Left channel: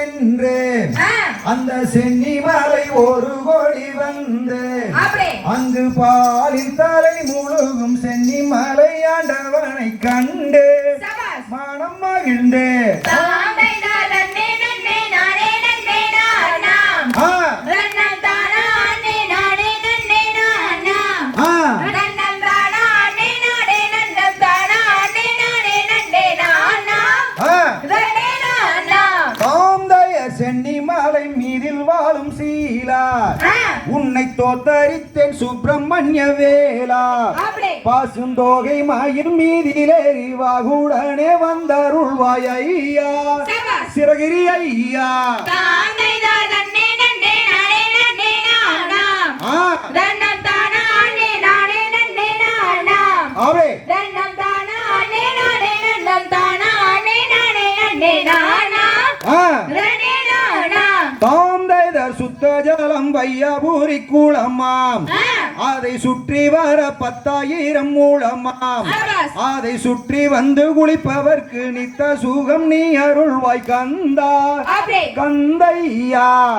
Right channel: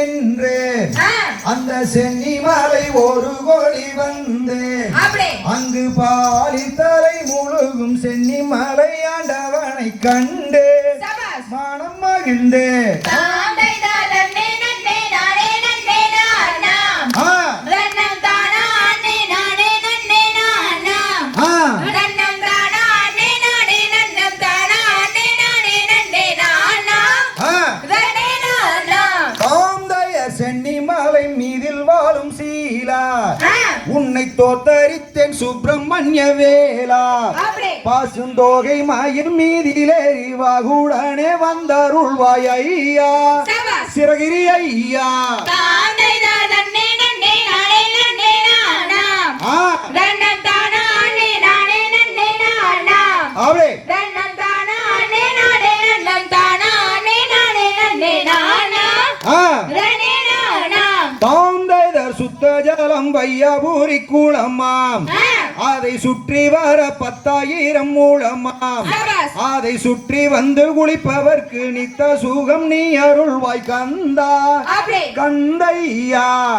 என்று ஆ, அந்த சென்னிமலை ஒரு கோடி வந்து அப்படி அங்கு பாலின் தலை முழுகும் சென்னிமலை ஆண்டவனை கண்டு மனம் மகிழ்ந்து தாந்தைய சென்னிமலை மீதில் வாழும் சீலா. ஆ, உன்னை தோத்தரித்தேன் சுப்பிரமணிய வேலா பாசுந்தோகை மயில் மீதிலேறி வாகுடனே வந்தருள்வாய் ஐயா. சிறகிரி ஐயா. நானா ஆ, நானா தாந்தைதர் சுத்த ஜலம் வையபூரி குளமாம் அதை சுற்றி வர பத்தாயிரம் மூலமாம். அதை சுற்றி வந்து குளிப்பவர்க்கு நித்த சுகம் நீ அருள்வாய் கந்தா. கந்தையா.